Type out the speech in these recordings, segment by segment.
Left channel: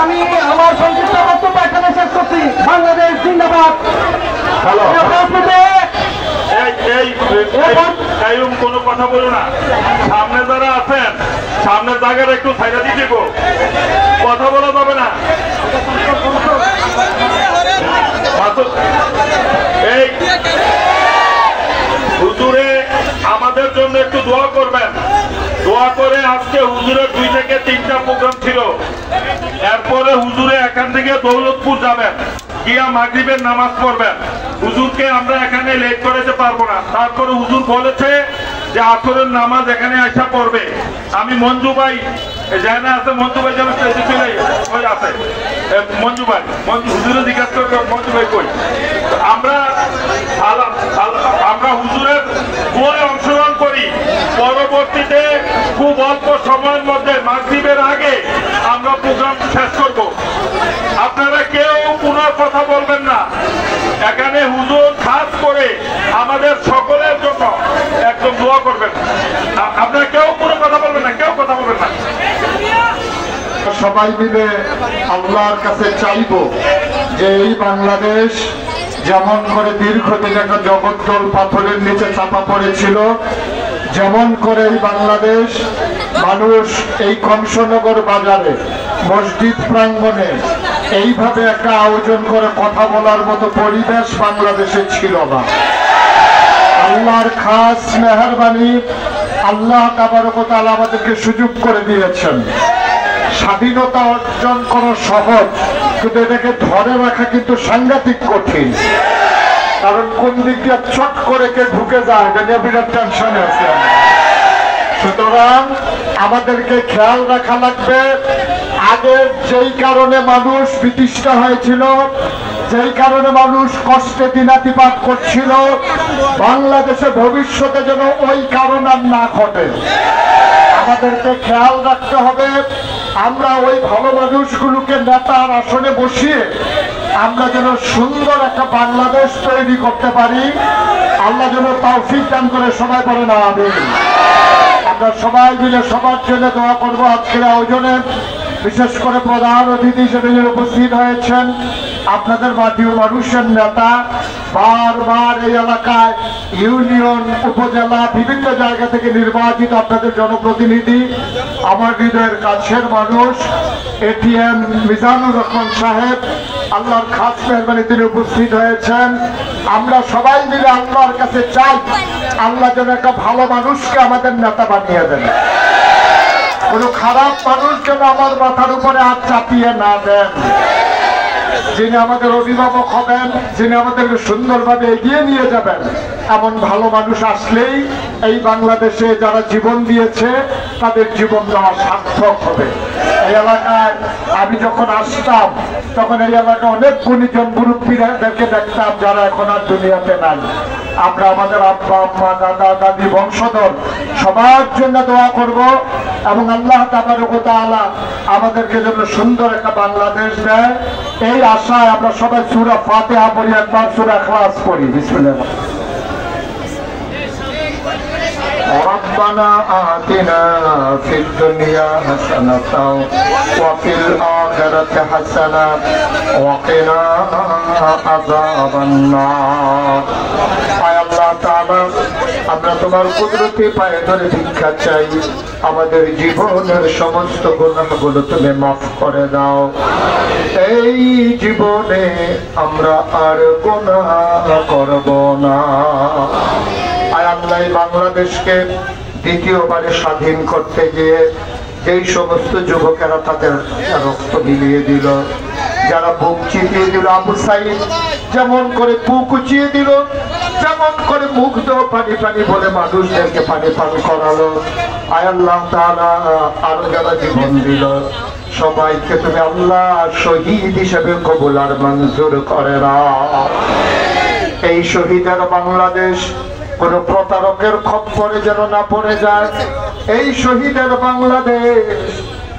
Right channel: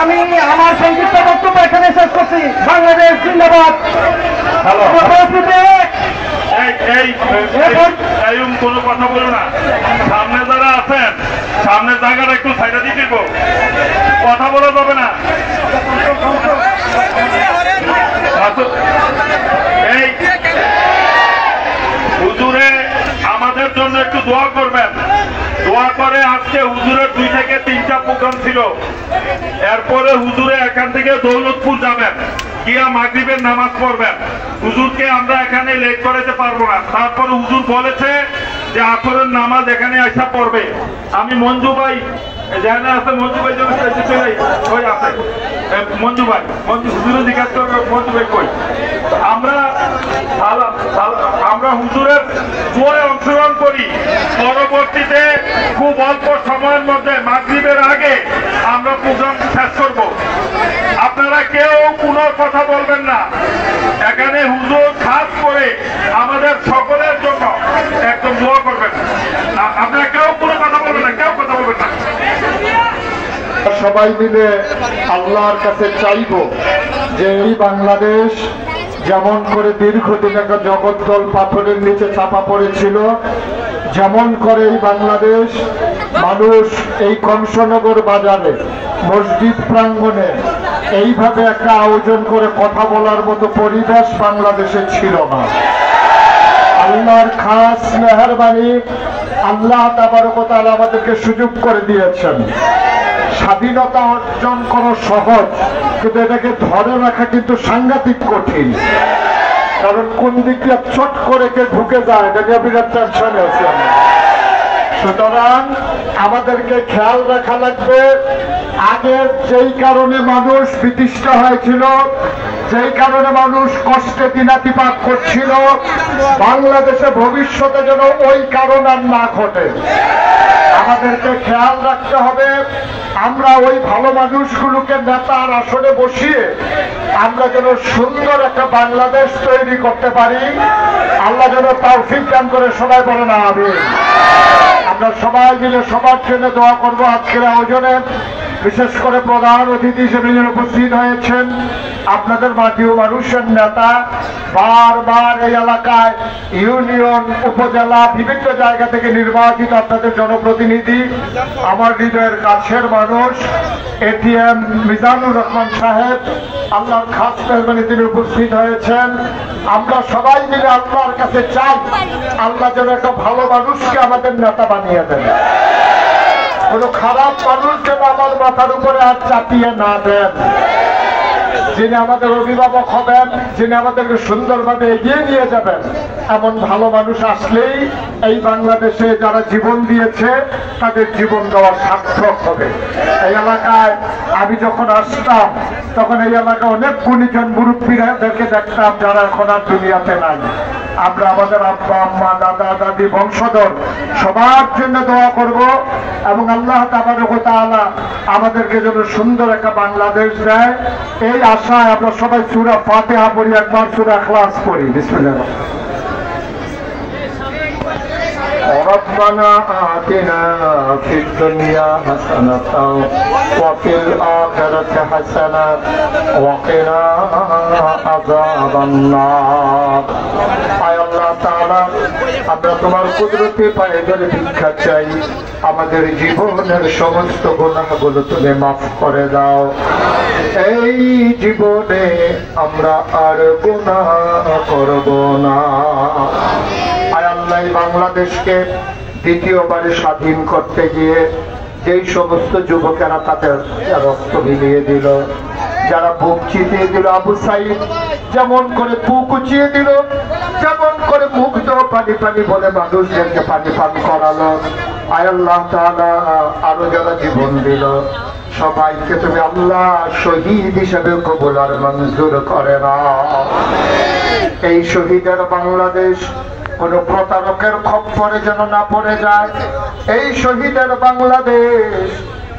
আমি আমার সংক্ষিপ্ত বক্তব্য এখানে শেষ করছি। বাংলাদেশ জিন্দাবাদ। কোনো কথা বলো না, সামনে যারা আছেন সামনের জায়গাটা একটু ছাইড়া দিয়ে দিব, কথা বলা যাবে না। এই হুজুরে আমাদের জন্য একটু দোয়া করবেন। দোয়া করে আজকে হুজুরের 2 থেকে 3টা প্রোগ্রাম ছিল, এরপরে হুজুরে এখান থেকে দৌলতপুর যাবেন, গিয়া মাগরিবের নামাজ পড়বেন। হুজুরকে আমরা এখানে লেট করাতে পারবো না। তারপরে হুজুর বলেছে যে আসরের নামাজ এখানে আইসা পড়বে। আমি মঞ্জু ভাই জানে আছে, মঞ্জু ভাই যেন ওই আছে মঞ্জু ভাই, হুজুরে জিজ্ঞাসা করবে মঞ্জু ভাই কই। আমরা হুজুরের দোয়ায় অংশগ্রহণ করি। পরবর্তীতে খুব অল্প সময়ের মধ্যে মাগরিবের আগে আমরা প্রোগ্রাম শেষ করব। আপনারা কেউ কোনো কথা বলবেন না। এখানে হুজুর খাস করে আমাদের সকলের জন্য একদম দোয়া করবেন। আপনারা কেউ কোনো কথা বলবেন না, কেউ কথা বলবেন না। সবাই মিলে আল্লাহর কাছে চাইব যে এই বাংলাদেশ যেমন করে দীর্ঘদিন একটা জগদ্দল পাথরের নিচে চাপা পড়েছিল, যেমন করে এই বাংলাদেশ মানুষ এই কংসনগর বাজারে মসজিদ প্রাঙ্গণে এইভাবে একটা আয়োজন করে কথা বলার মতো পরিবেশ বাংলাদেশে ছিল না। আল্লাহর খাস মেহেরবানি, আল্লাহ তাবারক ওয়া তাআলা আমাদেরকে সুযোগ করে দিয়েছেন। স্বাধীনতা অর্জন করা সহজ, কিন্তু এটাকে ধরে রাখা কিন্তু সাংঘাতিক কঠিন। কারণ কোন দিক দিয়ে চট করে কে ঢুকে যায় এটা নিয়ে বিরাট টেনশনে আছে। সুতরাং আমাদেরকে খেয়াল রাখা লাগবে, আগে যেই কারণে মানুষ বিতৃষ্ণ হয়েছিল, যেই কারণে মানুষ কষ্টে দিনাতিপাত করছিল, বাংলাদেশে ভবিষ্যতে যেন ওই কারণ আর না ঘটে। আমাদেরকে খেয়াল রাখতে হবে আমরা ওই ভালো মানুষগুলোকে নেতার আসনে বসিয়ে আমরা যেন সুন্দর একটা বাংলাদেশ তৈরি করতে পারি। আল্লাহ যেন তৌফিক দান করে, সবাই বলেন আমিন। আমরা সবাই মিলে সবার জন্য দোয়া করবো। আজকের আয়োজনে বিশেষ করে প্রধান অতিথি হিসেবে উপস্থিত হয়েছেন আপনাদের মাটিও মানুষের নেতা, বারবার এই এলাকায় ইউনিয়ন, উপজেলা, বিভিন্ন জায়গা থেকে নির্বাচিত আপনাদের জনপ্রতিনিধি, আমার হৃদয়ের কাছের মানুষ এটিএম মিজানুর রহমান সাহেব, আল্লাহর খাস মেহরবানি তিনি উপস্থিত হয়েছেন। আমরা সবাই মিলে আল্লাহর কাছে চাই আল্লাহ যেন একটা ভালো মানুষকে আমাদের নেতা বানিয়ে দেন। কোনো খারাপ মানুষ যেন আমার মাথার উপরে হাত চাপিয়ে না দেন। যিনি আমাদের অভিভাবক হবেন, যিনি আমাদেরকে সুন্দরভাবে এগিয়ে নিয়ে যাবেন, এমন ভালো মানুষ আসলেই এই বাংলাদেশে যারা জীবন দিয়েছে তাদের জীবন দেওয়া সার্থক হবে। এই এলাকায় আমি যখন আসতাম তখন এই এলাকায় অনেক গুণীজন মুরব্বীদেরকে দেখতাম যারা এখন আর দুনিয়াতে নাই। আমরা আমাদের আব্বা আম্মা, দাদা দাদি, বংশধর সবার জন্য দোয়া করব এবং আল্লাহ তাবারক ওয়া তাআলা আমাদেরকে যেন সুন্দর একটা বাংলাদেশ দেয়, এই আশায় আমরা সবাই সূরা ফাতিহা পড়ি, একবার সূরা ইখলাস পড়ি। বিসমিল্লাহ। ربنا آتنا في الدنيا حسنة وفي الآخرة حسنة وقنا عذاب النار। আমরা তোমার কুদরতি পায়ে ধরে ভিক্ষা চাই, আমাদের জীবনের সমস্ত গুনাহগুলো তুমি মাফ করে দাও। এই জীবনে আমরা আর গুনাহ করব না। আল্লাহ বাংলাদেশকে দ্বিতীয়বারে স্বাধীন করতে গিয়ে যেই সমস্ত যুবকেরা তাদের রক্ত বিলিয়ে দিল, যারা বুক চিতিয়ে দিল, আবু সাইদ যেমন করে বুক উঁচিয়ে দিল, যেমন করে মুগ্ধ পানি পানি বলে মানুষদেরকে পানি পান করালো, আয় আল্লাহ তাআলা আরো যারা জীবন দিল সবাইকে তুমি আল্লাহ শহীদ হিসেবে কবুল আর মঞ্জুর করে নাও। এই শহীদের বাংলাদেশ কোন প্রতারকের খপ্পরে যেন না পড়ে যায়। এই শহীদের বাংলাদেশ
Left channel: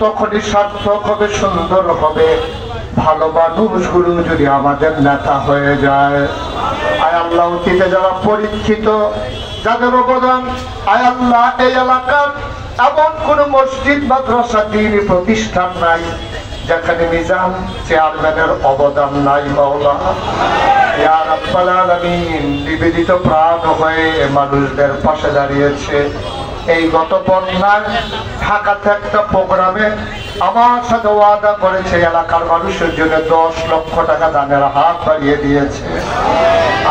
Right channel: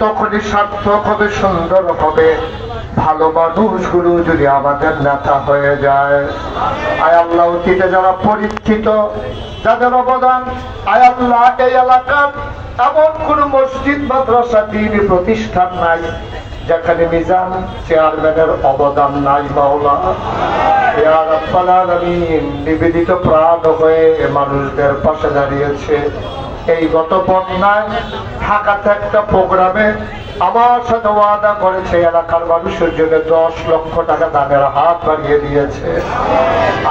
তখনই সার্থক হবে, সুন্দর হবে, ভালো মানুষগুলো যদি আমাদের নেতা হয়ে যায়। আয় আল্লাহ অতীতে যারা পরীক্ষিত, যাদের অবদান আয় আল্লাহ এই এলাকার এমন কোন মসজিদ মাদ্রাসা দ্বীনি প্রতিষ্ঠান নাই যেখানে মিজান চেয়ারম্যানের অবদান নাই। মাওলা ইয়া রাব্বাল আলামিন, নিবেদিত প্রাণ হয়ে মানুষদের পাশে দাঁড়িয়েছে। এই গত বন্যায় ঢাকাতে একটা প্রোগ্রামে আমার সাথে ওয়াদা করেছে এলাকার মানুষের জন্য 10 লক্ষ টাকা দানের হাত বাড়িয়ে দিয়েছে।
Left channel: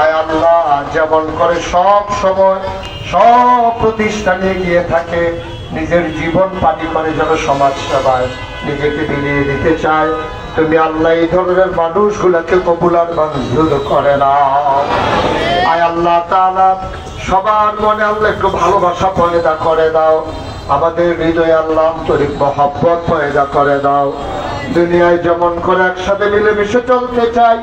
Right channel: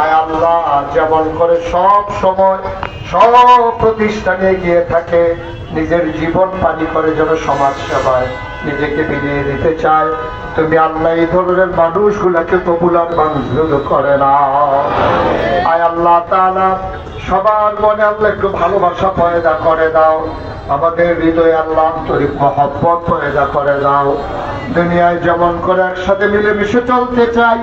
আয় আল্লাহ, যেমন করে সব সময় সব প্রতিষ্ঠানে গিয়ে থাকে, নিজের জীবন পানি করে যেন সমাজ সেবায় নিজেকে বিলিয়ে দিতে চায়, তুমি আল্লাহ এই ধরনের মানুষগুলাকে কবুল আর মঞ্জুর করে নাও। আয় আল্লাহ তাআলা, সবার মনে আল্লাহ একটু ভালোবাসা পয়দা করে দাও, আমাদের হৃদয়ে আল্লাহ আন্তরিক মহব্বত পয়দা করে দাও। দুনিয়ায় যেমন করে একসাথে মিলেমিশে চলতে চাই,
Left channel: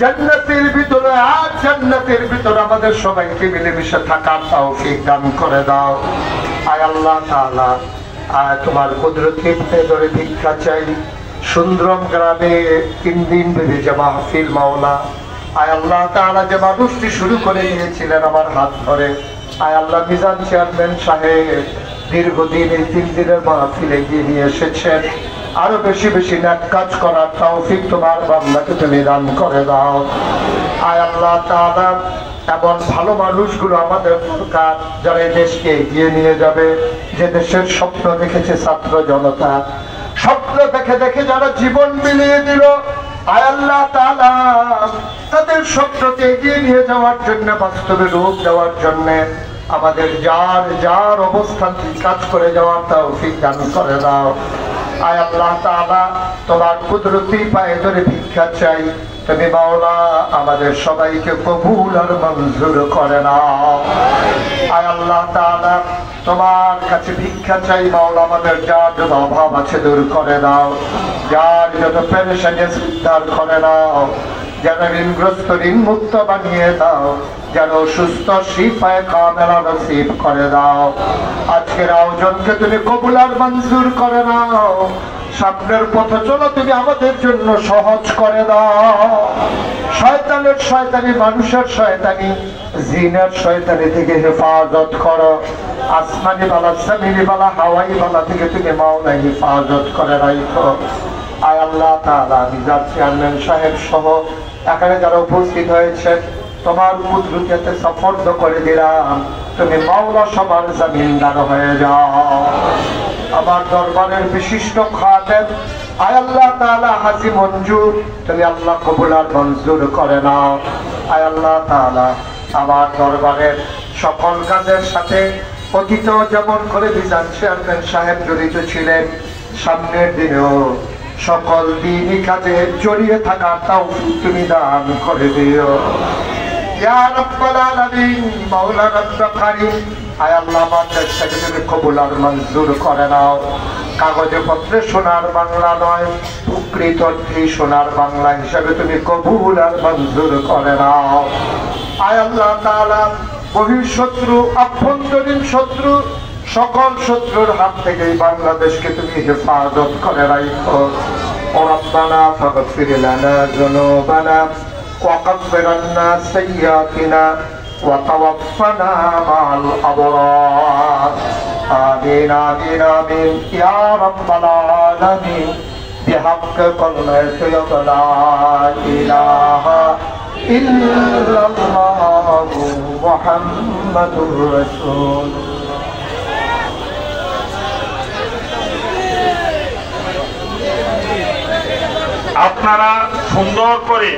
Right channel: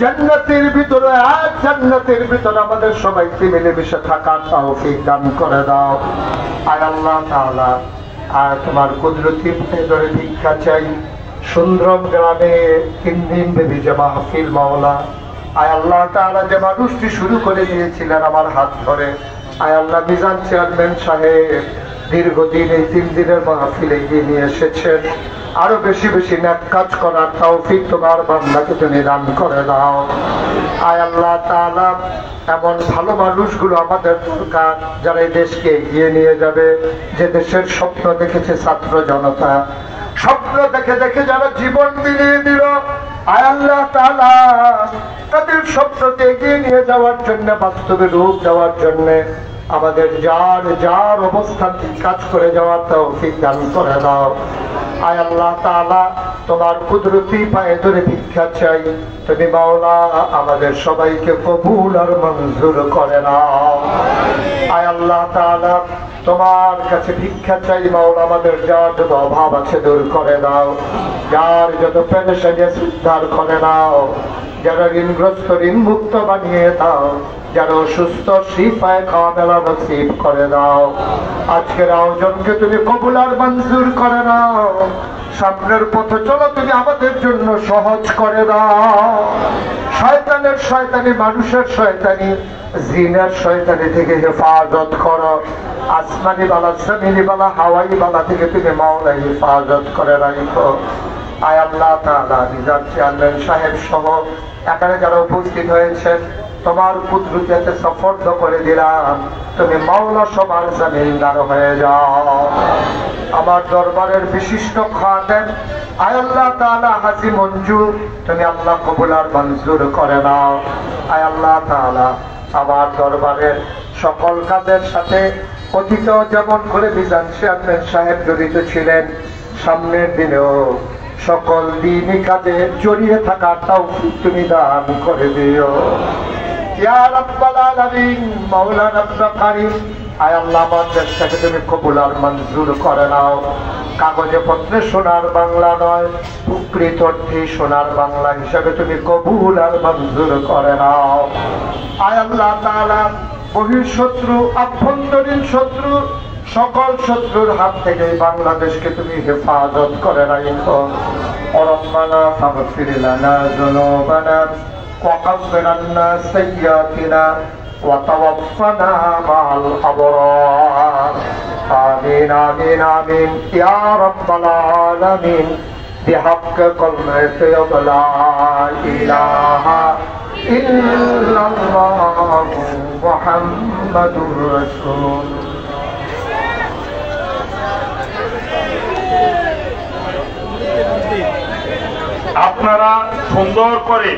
জান্নাতের ভিতরে আর জান্নাতের ভিতরে আমাদের সবাইকে মিলেমিশে থাকার তৌফিক দান করে দাও। আয় আল্লাহ তাআলা, আয় তোমার কুদরতি পায়ে ধরে ভিক্ষা চাই। সুন্দরম গ্রামে 3 দিন ব্যাপী যে মাহফিল, মাওলা আয় আল্লাহ তাআলা, যে মানুষটি শুরু করে দিয়েছিলেন আমার হাত ধরে, আয় আল্লাহ মিজান চেয়ারম্যান সাহেব দীর্ঘদিন এই 3 দিনের মাহফিলে এগিয়ে নিয়ে এসেছেন। আরো বেশি বেশি নেক কাজ করার তৌফিক তোমার বান্দাকে তুমি দান করে দাও। আয় আল্লাহ তাআলা, এমন ভালো মানুষগুলো আমাদের দরকার যারা এই দেশকে এগিয়ে নিয়ে যাবে, যে দেশের স্বপ্ন দেখেছে ছাত্র জনতা, স্বপ্ন দেখে দেখে যারা জীবন বিলিয়ে দিল, আয় আল্লাহ তাআলা তাদের স্বপ্নকে এগিয়ে নিয়ে যাওয়ার জন্য, বাস্তবে রূপ দেওয়ার জন্য আমাদের যার অবস্থান থেকে কাজ করে যাওয়ার তৌফিক দান করে দাও। আয় আল্লাহ তাআলা, তোমার কুদরতি পায়ে ধরে ভিক্ষা চাই, তুমি মাওলা আমাদের সবাইকে কবুল আর মঞ্জুর করে নাও। আয় আল্লাহ তাআলা, তোমার কাছে ভিক্ষা চাই মাওলা, আমাদের যার যত অভাব আছে দূর করে দাও, যার যত পেরেশানি আছে উদ্ধার করে নাও, যারা ঋণগ্রস্ত ঋণ মুক্ত বানিয়ে দাও, যারা সুস্থ শিফায়ে কামেলা নসিব করে দাও। আজকের আয়োজনকে তুমি কবুল আর মঞ্জুর করে নাও। সামনের পথে চলো তুমি আমাদের জন্য সহজ করে দাও। শয়তানের শয়তানি, মানুষের শয়তানি, জিনের শয়তানি থেকে হেফাজত করো। আসমানি বালা, জমিনি বালা, হাওয়াই বালা থেকে তুমি মাওলা হেফাজত করে রাখো। আয় আল্লাহ তাআলা, মিজান চেয়ারম্যান সাহেব সহ এখানে যারা উপস্থিত হয়েছেন, তোমার কুদরতে সফর্দ করে দিলাম, তুমি মাওলা সবার জামিনদার হয়ে যাও। আমার দরবারের বিশিষ্ট খাদেম আয় আল্লাহ তাআলা হাজী মঞ্জু, তুমি আল্লাহ কবুল আর মঞ্জুর করে নাও। আয় আল্লাহ তাআলা, আমার দরবারের সকল কাজের সাথে অতীতেও যেমন করে মিজান চেয়ারম্যান সাহেব জড়িত ছিলেন, সামনের দিনেও সকল দিনই কাজে জড়িয়ে থাকার তৌফিক তুমি দান করে দিও। ইয়া রাব্বাল আলামিন, মাওলা রাব্বুল কারীম, আয় আল্লাহ আমাদের সাথে তুমি কবুল আর মঞ্জুর করে নাও। কাগজে পত্রে সোনার বাংলা নয়, প্রকৃত অর্থে সোনার বাংলা হিসাবে তুমি কবুল আর মঞ্জুর করে নাও। আয় আল্লাহ তাআলা, বহিঃশত্রু আভ্যন্তরীণ শত্রু সকল শত্রুর হাত থেকে বাংলাদেশকে তুমি হেফাজত করে রাখো। রব্বানা ফাগফির লানা যুনুবানা وكفر عنا سيئاتنا وتوفنا مع الأبرار. آمين آمين آمين يا رب العالمين بحق كلمة لا إله إلا الله محمد رسول. আপনারা সুন্দর করে